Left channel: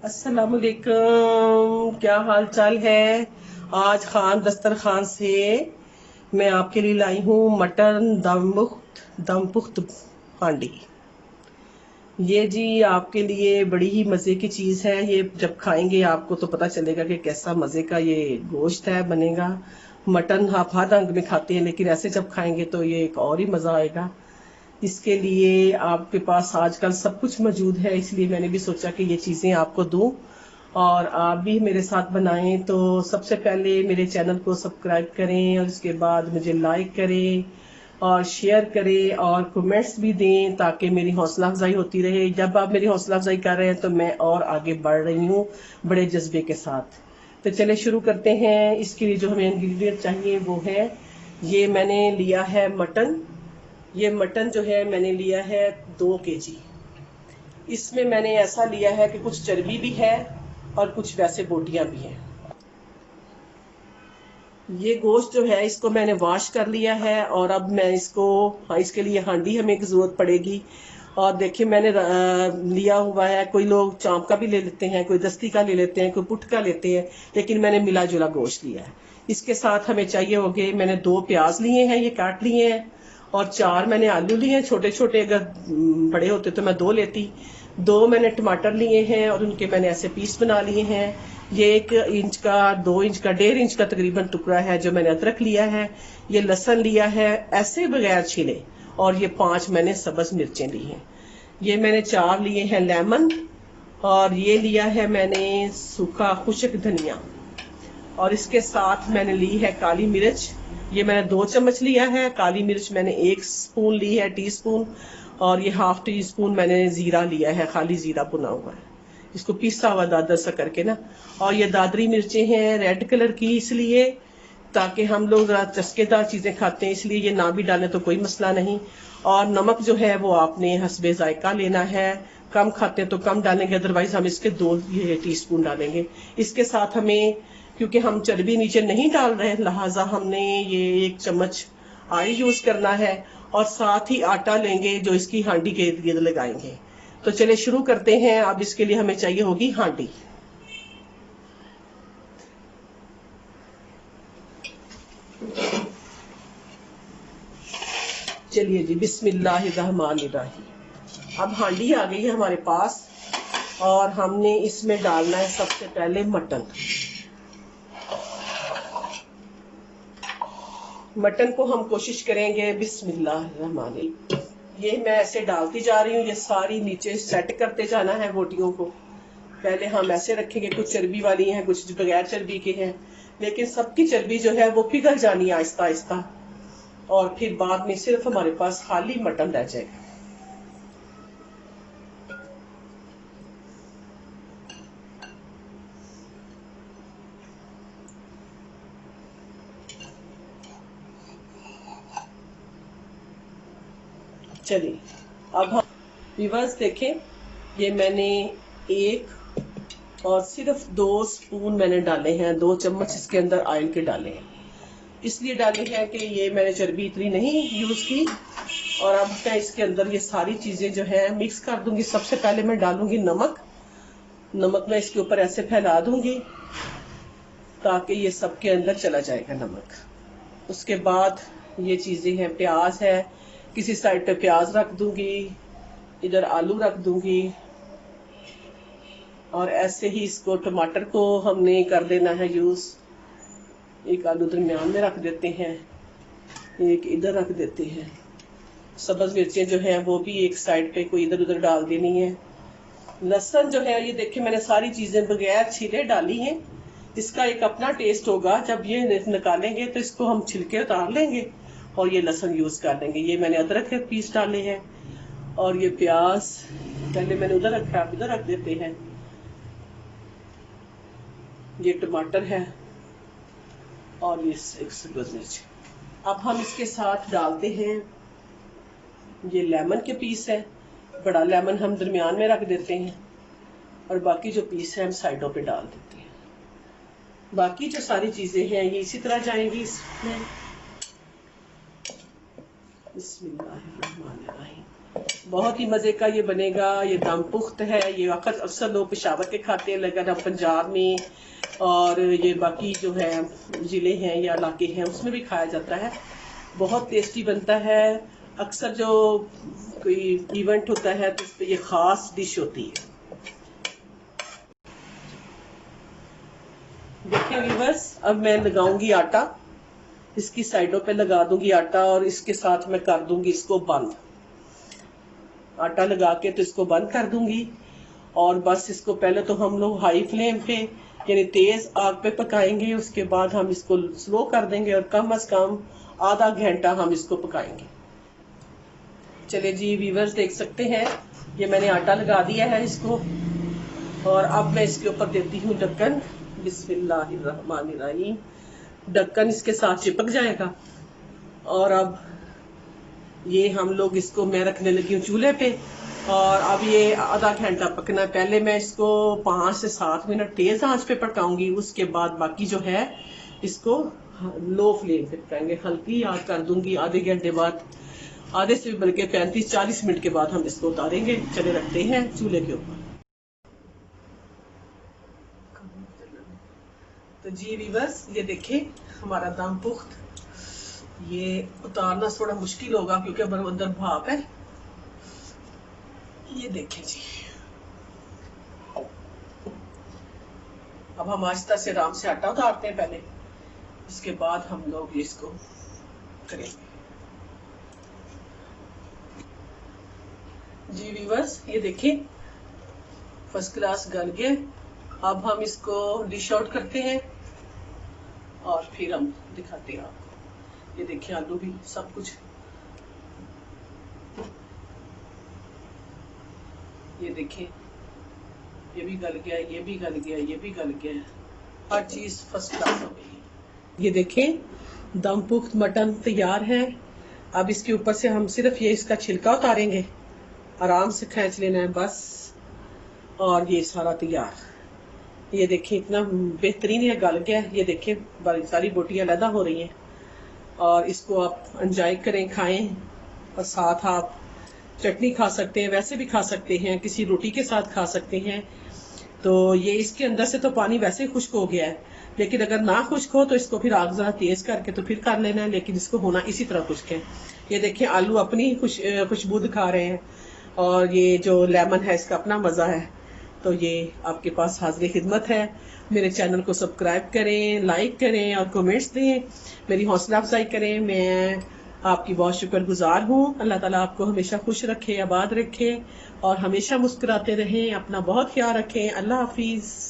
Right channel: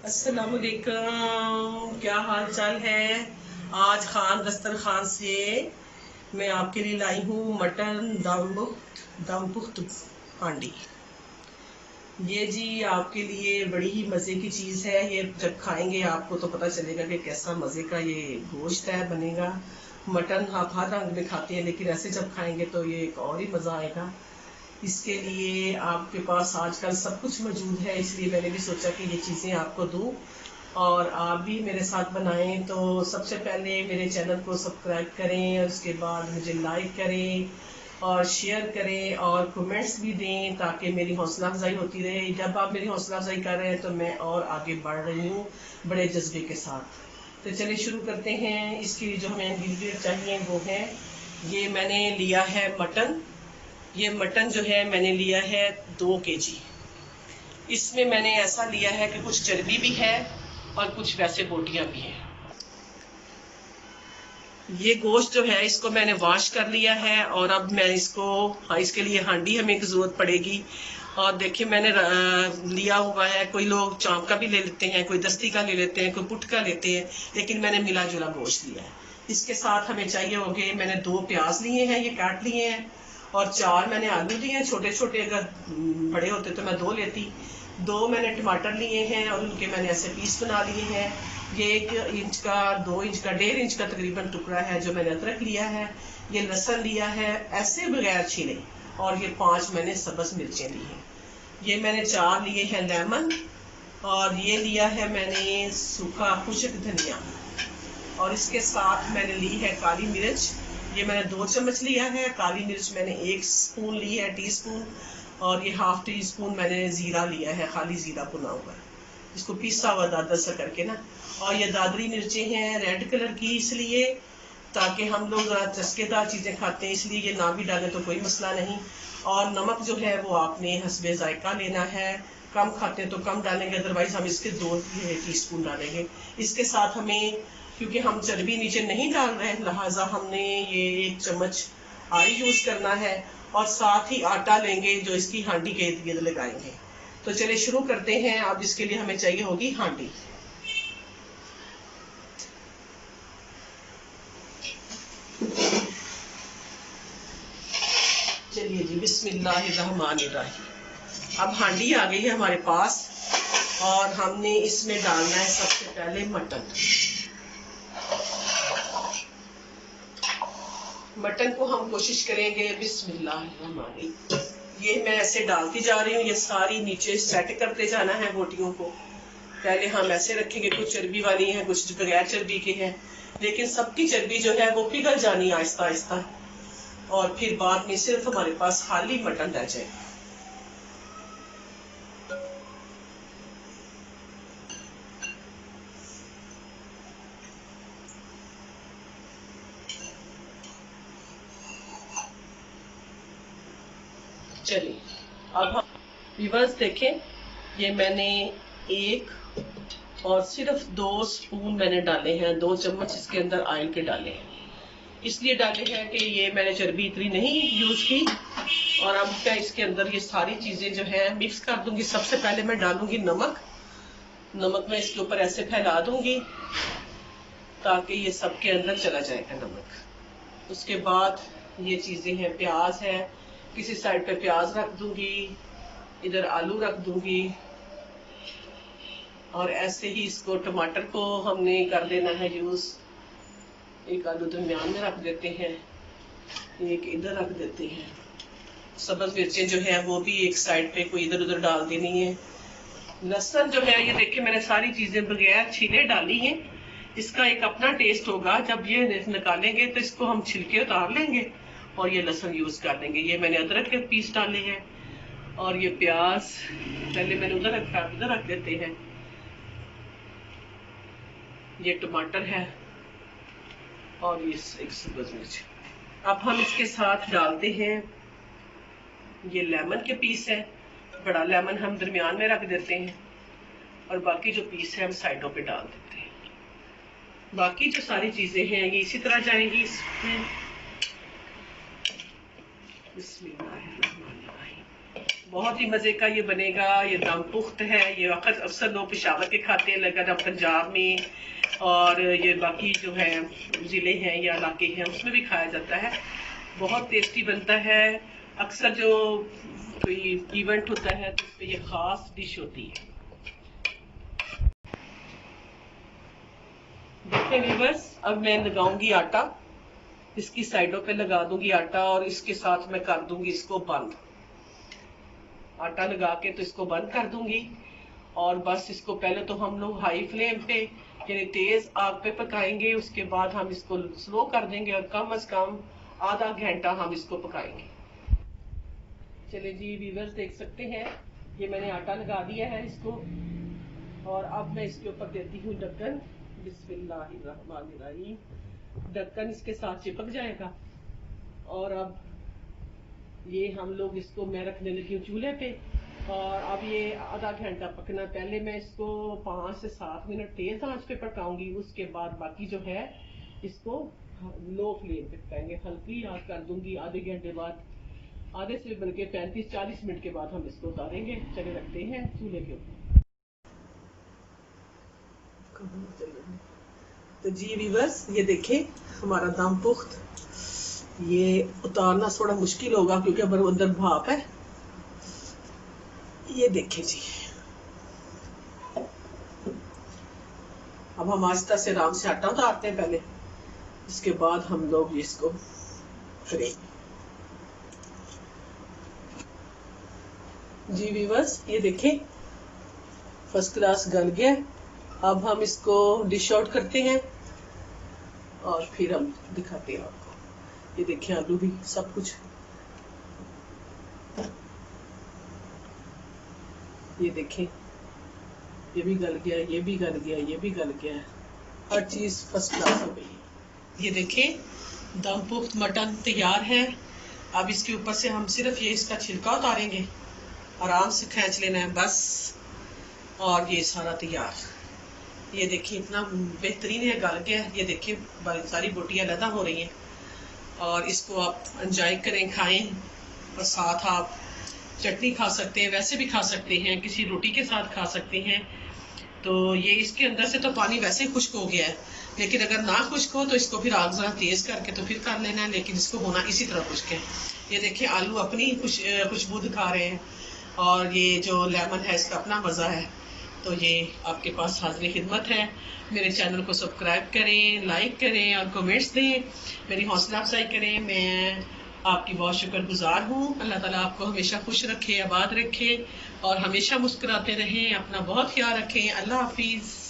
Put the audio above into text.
अस्सलाम वालेकुम, क्या हाल चाल है। आज खान दस्तरखान से मैं आपके लिए लाई हूँ मटन दम पुख्त हांडी। ये जी आपके लिए बड़ी ही मज़े की चीज़ है। ये जब खाएंगे आपको तो पता चलेगा कि कैसा मज़े का ये गोश्त है बनेगा। मटन आप हर रंग में खाते हैं, लेकिन ऐसे जब खाएंगे तो ये एक और ही मज़ा आएगा। इसके लिए आपके पास आजकल सब कुछ मौजूद है, इसलिए मैंने भी सोचा कि ये चीज़ें आपको दूं और आप भी मेरे साथ बनाएं। तो सबसे पहले मेरे चैनल को सब्सक्राइब करें और उसके बाद मुझे लाइक करें और शेयर करें और कमेंट्स भी दें, ताकि मेरी हौसला अफजाई होती रहे। जब आप मेरी हौसला अफजाई कर रहे हैं तो मैं और आगे बढ़ रही हूँ बड़े जज्बे के साथ। तो चले शुरू करते हैं। इसके लिए जो हमें इंग्रेडिएंट चाहिए वो है, ये मैंने लिया है मटन। ये मटन जो है मैंने लिया है 2 kg। इसमें मैंने ऐसा लिया है कि कुछ चर्बी भी है और कुछ वैसे बोटियां भी हैं। ये गोश्त जो है इसको मैंने वॉश कर लिया है और अब मैं इसको, हाँ, इसके लिए हांडी हमें एक ज़रूरत पड़ेगी। और देखिए मैंने लिया हुआ है, कोई लोग चाँप का भी ले लेते हैं, कोई दस्ती का ले लेते हैं, कोई पुट का लेते हैं, लेकिन मैंने मिला जुला गोश्त लिया है। इसके साथ हमें चाहिए होंगे, मैंने 2 प्याज लिए हैं, ये काट लिए हैं, और 4 मैंने आलू लिए हैं छोटे छोटे। अगर बड़े होते तो मैं 2 लेती। 2 मैंने टमाटर लिए हैं और उनके मैंने ऐसे पीस बना लिए हैं। ये 1 इंच का, 2 इंच का, 1.5 इंच का तकरीबन टुकड़ा है जो मैंने अदरक लिया है। ये लहसुन लिया है ऐसे बगैर छिले, और ये 5 मैंने सब्ज मिर्चें ली हैं। ये मैंने 4 लिए हैं लेमन, और ये लिया है मैंने सूखा खुश्क धनिया, और इसके साथ मैंने ली है काली मिर्च। ये मैंने 2 चम्मच लिया है। काली मिर्च मैंने 1 स्पून ली है, टीस्पून। और ये ½ टीस्पून मैंने जीरा लिया है, खाली जीरा भुना हुआ है, इसको पीसा हुआ दादर सा करके ना। और ये दादरी मिर्चें हैं रेड कलर की, इसलिए ताकि हम लोग जरा चस्केदार चीजें खाते हैं, इसलिए ये ना भी डालें तो कोई मसला नहीं। और नमक जो है वो आपने हस्बे जायका लेना है, कम खाते हैं तो कम डालेंगे, अदरवाइज हम इसके 2 टीस्पून डालेंगे। इसके साथ हमें, क्योंकि हम चर्बी नीचे नहीं डाल रहे हैं, लिहाजा हमने ये 1 चम्मच ऑयल यूज करना है, और साथ ही आटा लेंगे जो इसकी हांडी के इर्द गिर्द लगाएंगे। तो चले शुरू करते हैं। अब इसके लिए हमें चाहिए होगी हांडी। चलिए जी, बिस्मिल्लाहिर्रहमानिर्रहीम। अब हांडी आ गई है हमारे पास, और हमने इसमें डालना है सबसे पहले मटन। मटन को हम कोशिश करेंगे बिस्मिल्लाहिर्रहमानिर्रहीम। ये मैं ऐसे डालती जा रही हूँ, ये सारी नीचे सेट करते जाना है बोटियों को। पहले हम ऐसे रखेंगे, कुछ चर्बी वाली हैं, कुछ बगैर चर्बी के हैं, लेकिन सबकी चर्बी जो है वो पिघल जानी है आहिस्ता आहिस्ता, और फिर बाद में सिर्फ हमारे पास खाली मटन रह जाए। चलिए अब हम व्यूअर्स देखें, ये मैंने 1 और सिर्फ 2 स्पून मैंने डाले हैं, 2 चम्मच इसके अंदर ऑयल के डाले हैं। इसलिए डाले हैं कि ये मैंने चर्बी इतनी नहीं यूज की। और अब मैं इसके अंदर ये सारी चीजें जो है मिक्स कर दूंगी। सबसे पहले मैं डालूंगी नमक। नमक मैं इसके ऊपर ऐसे फैला दूंगी ताकि ये सबके अंदर चला जाएगा नमक। उसके बाद ये चीजें हैं, प्याज है, किसी साइड पे प्याज रख दूंगी, इधर आलू रख दूंगी, और ऐसे ही इसको टमाटर को हमने कर देना है यूज। एक आलू दरमियान में रख देते हैं, एक इधर रख देते हैं। सब्ज मिर्चें जो है वो भी एक साइड पे, कोई इधर उधर डाल देनी है। लहसुन जो है ये देखिए मैंने सारी चीजें बगैर छिले डाली हैं। इसका एक अपना टेस्ट होगा, जब ये निकालेंगे तो इसको हम छिलके उतार लेंगे और ये लहसुन यूज कर लेंगे। ये मैंने अदरक के पीस डाले हैं, और ये प्याज पहले मैंने उधर रखा, उधर रख देते हैं। ये टमाटर है, और ये एक सब्ज मिर्च। अब हम इसके साथ डालते हैं ये लेमन के पीस है। बड़ा लेमन हम दरमियान में रख देते हैं, और बाकी जो पीस है हम साइडों पे डाल देते हैं। बाकी जो सारी चीजें हैं ये इसी तरह जाएंगी इसमें। बिस्मिल्लाहिर्रहमानिर्रहीम। बहुत ही मज़े का ये बनेगा। ये दम पुख्त है, ये अक्सर लोग पेशावर के खाते हैं, लेकिन अब पंजाब में और ये बाकी जो है ज़िले हैं या इलाके हैं उसमें भी खाया जाता है। बहुत टेस्टी बनता है। अक्सर जो कोई इवेंट होता है तो उस पर ये ख़ास डिश होती है। देखिए व्यूअर्स, अब मैं लगाऊंगी आटा, इसकी साइडों पे लगा दूंगी आटा और इसके साथ मैं कर दूंगी इसको बंद। आटा लगा के तो इसको बंद कर दूंगी और बस इसको पहले तो हम लोग हाई फ्लेम पे यानी तेज आग पे पकाएंगे, उसके बाद हम इसको स्लो कर देंगे और कम से कम आधा घंटा हम इसको पकाएंगे। चलिए जी व्यूअर्स, देख सकते हैं ये मैंने आटा लगा दिया है इसको, और अब मैं इसके ऊपर देती हूँ ढक्कन। बिस्मिल्लाहिर्रहमानिर्रहीम। ढक्कन इसके साथ चिपक जाएगा और अब ये हम लोग इसको मैं रखने लगी हूँ चूल्हे पे, और अब ये आधा घंटा पकना है। पहले मैं इसको 5 से 7 मिनट तेज आंच पे पकाऊंगी, उसके बाद बाकी जो है इसको लो फ्लेम पे पकाएंगे। हल्की आंच कर दूंगी। आधे घंटे बाद, आधे से बल्कि 35-40 मिनट के बाद हम इसको उतारेंगे। चले रखते हैं चूल्हे के ऊपर। तो जी व्यूअर्स, ये देखें हमारा दम पुख्त, ये उतारना थोड़ा मुश्किल होगा क्योंकि अब अंदर भाप है। ये देखें जी, अब हम आहिस्ता से आराम से आटा उतारते हैं पहले, इसके बाद हम लोग इसको करेंगे। जी व्यूअर्स, ये देखें फर्स्ट क्लास गल गया। अब हम इसको डिश आउट करते हैं और फिर हम दिखाते हैं आपको। ये देखिए आलू भी सब कुछ, ये देखें ये भी गल गया, ये भी गल गया, ये भी गल गया, हर चीज फर्स्ट क्लास हो गई। ये देखें दम पुख्त मटन तैयार है। अब इसके ऊपर से हम सिर्फ ये इसका छिलका उतारेंगे, आराम से खींच लेना है बस, और ये सारा तैयार। ये देखिए इतना बेहतरीन है, गल गया। ये देखिए बड़ी सारी बोटियां अलग हो रही हैं, और इसको आप एंजॉय करें, खाएं, और साथ आप चटनी खा सकते हैं, वैसे भी खा सकते हैं, किसी रोटी के साथ खा सकते हैं। तो ये इसके अंदर से तो पानी वैसे ही खुश्क हो गया है, लेकिन अगर ना खुश्क हो तो इसको फिर आग जरा तेज करके तो फिर कर लेना है, लेकिन इसको होना इसी तरह खुश्क है। ये देखिए आलू अपनी खुशबू दिखा रहे हैं, और ये जो लेमन है इसका अपना मज़ा है। तो ये आपके पास हाजिर खिदमत है। मेरे चैनल को सब्सक्राइब करें, लाइक करें और कमेंट्स दें, मेरी हौसला अफजाई करें। मैं आपकी बहुत शुक्रगुजार हूँ। अल्लाह ताला आपको हमेशा खुश रखे, आबाद रखे और हमेशा मुस्कुराते रहें। अपना बहुत ख्याल रखें। अल्लाह हाफिज़।